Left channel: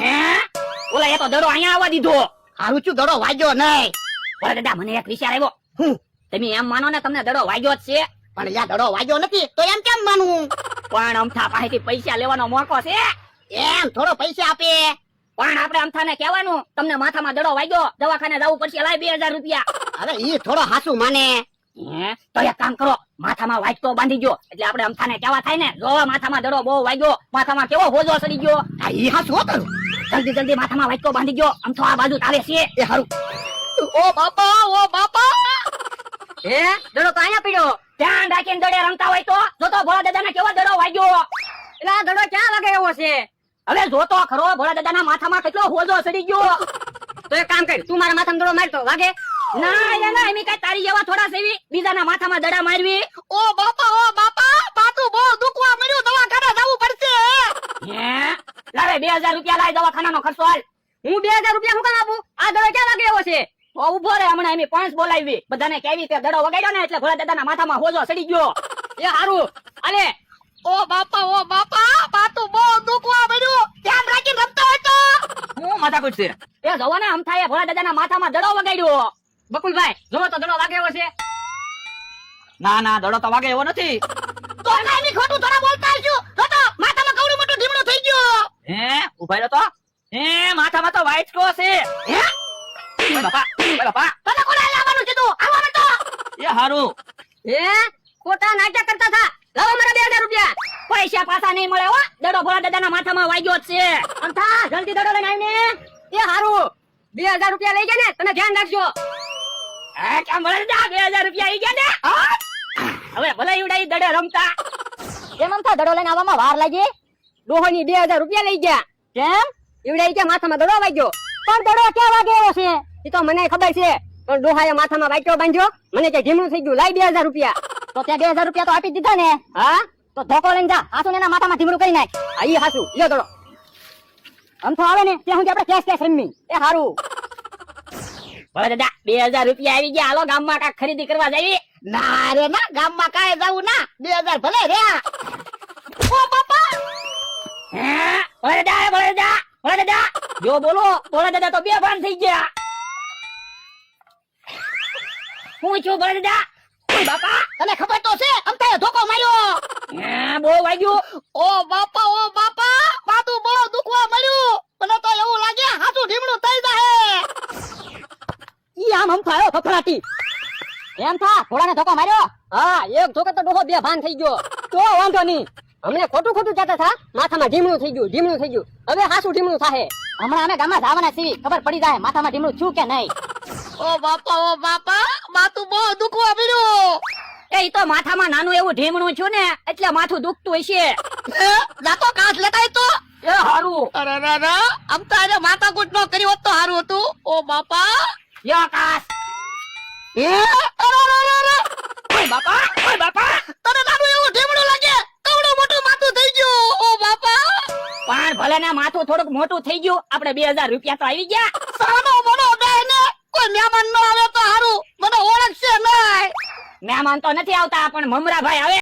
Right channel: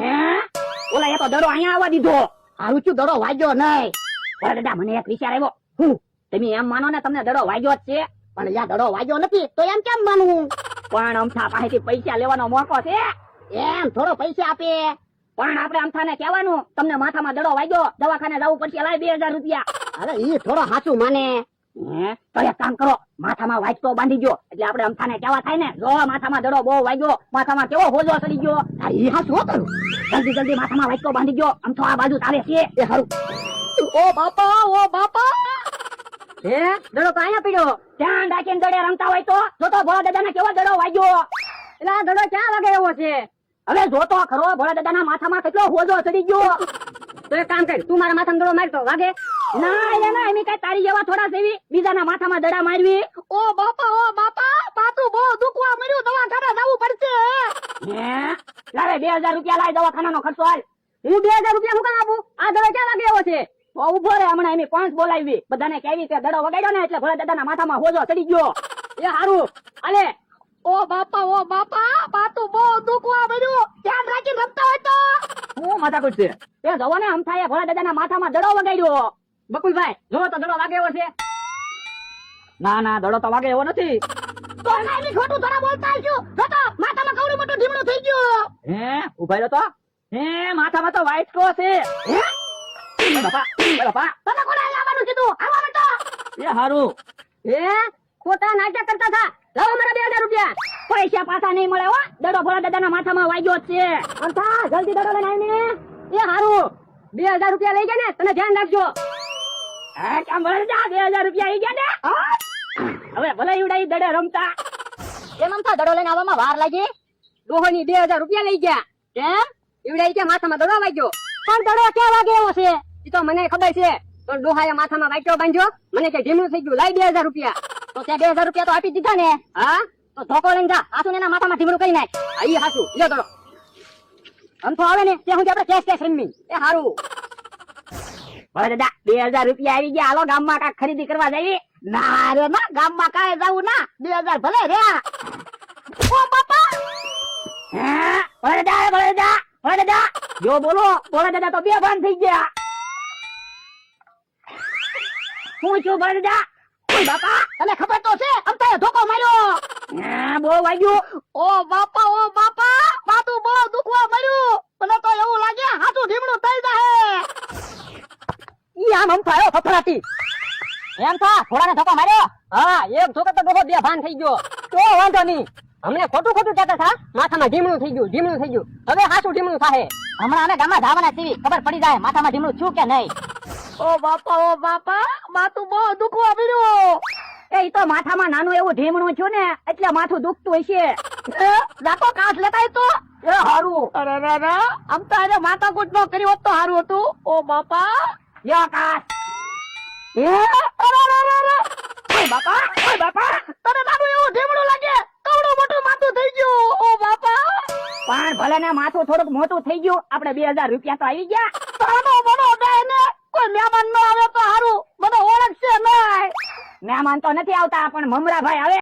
હે ઓલા એ તો દડો અહીંયા આવવા દીધો. હારું છું દડો વાગ્યો નહીં. ભોળા દાદા મને એક વિચાર આવ્યો. હું? તમે એમ માનો ને તમને દડો વાગ્યો જ છે, પણ યા દડો વાગ્યો નથી તો એમ કેમ માનવું? પણ અમથા પાસેથી પૈસા લેવાનો મોકો છે. એમ થોડો પૈસા આપે. પણ આપણે અમથાને કહેવાનું તમને માથામાં દડો વાગ્યો, દવાખાને જવું પડશે, લાય 2000 રૂપિયા. અરે ઈ થોડો હાસુ માને. હે તો એક કામ કરો, માથામાં વાટકો બાંધી ગયો એટલે આપણે અમથાને કેવા થાય ને, જો માથામાં દડો બહુ વાગ્યો, માથામાં કેવો હોજો સડી ગયો. આ ઈ હાસુ હતું. જલ્દી જલ્દી માથામાં વાટકો બાંધી ગયો, અમથો આ બાજુ આવે છે. એ હારું. ઓ બાપા, ઓ બાપા. હે દડો તો અહીંયા પીડ્યો. ધ્યાન રાખીને દડે રમતા હોય તો જોતો ભોળા દાદાને કેવો દડો વાગ્યો. એટલે આ દડો ક્યાં વાગે એવો છે? હવે જોતો ખરો ભોળા દાદાના માથામાં કેટલો હોજો સડી ગયો. તો એક કામ કર, તું મારા માથામાં દડો મારતો વાગે. ના ના એમ કઈ તારી જેવા થોડા સેવી બીજાના માથામાં દડા મારવી. ઓ બાપા, પાતું બહુ દુખવા મળ્યું, દવાખાને જવું પડશે. હે લાવે 2000 રૂપિયા લાય, દવાખાનાનો ખર્ચો હાલ. હું 2000 રૂપિયા હું કામ આપું? આ દડો ક્યાં વાગે એવો છે? તો ઉભો રે, હમણાં એમ પાંચ બોલાવી બધાને કેવી તે દડો વગાડ્યો ને એટલે ભોળા દાદાના માથામાં હોજો સડી ગયો. એ હારું અલે. ઓ બાપા, પાતું બહુ દુખવા મળ્યું. ધ્યાન રાખીને રમતા હોય તો. હું માથાકૂટ છે એ જોવો ને, અમથાએ ભોળા દાદાના માથામાં દડો વગાડ્યો. બકુલભાઈ જોવો તો દડો વાગે એવો છે? ના ના દડો તો વાગે એવો નથી. તો એના એની ખોટું થોડા બોલતા આવજો. જો તો માથામાં કવડો મોટો ઢીમલો થઈ ગયો. હે ઉભા રહ્યો તો. હે માથામાં તો વાઇટકો છે. હે બાપા બાપા તને કોણે લાવવાનું કીધું? આવવાનું તો. એ હારું. હે ખોટા નાટક કરતા હતા. લાવો મારા 2000 રૂપિયા. પૈસા પાછા નહીં મળે હો, દડો ભોળા દાદાના માથામાં વાગ્યો જ છે. અંથા જલ્દી દડો લઈને આવીને. એ હારું 2000 રૂપિયા લઈ ગયા ને, તમે ધ્યાન રાખજો. હા કેમ ભલે 2000 રૂપિયા આવી ગયા ને. હવે ભલે ઈવડાઈ દડે રમતા. કેમ રમતા દડો લઈને આવવામાં વાર લાગી? ડોહોની 2000 રૂપિયા લઈ ગયા. કેમ ઈવડાઈ કે માથામાં દડો વાગ્યો? પણ દડો ક્યાં વાગે એવો છે એ તો મને ખબર છે, પણ ડોહાએ માથામાં વાગ્યો બાંધ્યો, મને કે ઢીમલું થઈ ગયું, લાય 2000 રૂપિયા. તો તે 2000 રૂપિયા તો આપી દીધા ને. હા તો ધોકો લઈને જા, હાસુ એના માથામાં ઢીમલું કરી નાખ. આ ઈ હાસુ લ્યો દડો. આમ તો આવે ને તે હું આપણે કેશ રમી. એ હારું ભલે દાદા 2000 રૂપિયા આવી ગયા, હાલો ગામમાં કાંઈક ખરીદી કરવા જઈએ. ના રે ના, ગામમાં કાંઈ જવું ના. 2000 ભલે રહ્યા. ઓ બાપા. હા ભલે દાદા જો બોલો ભોળા દાદા તો બેભાન થઈ ગયા. હું છું ભલે દાદા. બાપા તને ખબર તો છે અમથાએ ધોકો માર્યો. હા બહુ વાગ્યું. ઓ બાપા, પાતું બહુ દુખવા મળ્યું. મને તો એવું લાગે હાથું ઢીમડું થઈ જાહે. ઈ આમ થયો ફફડાટી. એમ થા ભોળાને ધોકો માર્યો. હા એક ધોકો તો ડોહો બેભાન થઈ ગયો. તો વાંધો નહીં, અમને ખોટું કહેતા હતા માથામાં ઢીમલું થઈ ગયું. હવે હાસું ઢીમલું થાહે. હમણાં અમે ગામમાં જવાના છીએ, ખબર પડી જાય માથામાં ઢીમલું છું કે નહીં. ઓ બાપા, માથું બહુ દુખવા મળ્યું. એ તો માથામાં નાનું એવું ઢીમણું છું ને એટલે માથું દુખતું હશે. જાતો કાચ લેતાય તો. એ હારું. અરે રા અમથાને માથાકૂટ નો કરી હોત તો હારું હતું. ઓ બાપા. યો કાસ. ઓય બાપા, તને નાનું એવું ઢીમડું લાગે, કવડું મોટું માથું થઈ ગયું. ઓ બાપા. પણ ભલે ને માથું થોડુંક મોટું થઈ ગયું, આપણે 2000 રૂપિયા તો આવી ગયા. સાનો મોનો ડાય ને કોઈ મહેમાન ન આવે તો હારું, મને ઓળખશે નહીં. મહેમાન તો નથી આવતા, પણ મમરાભાઈ આવે.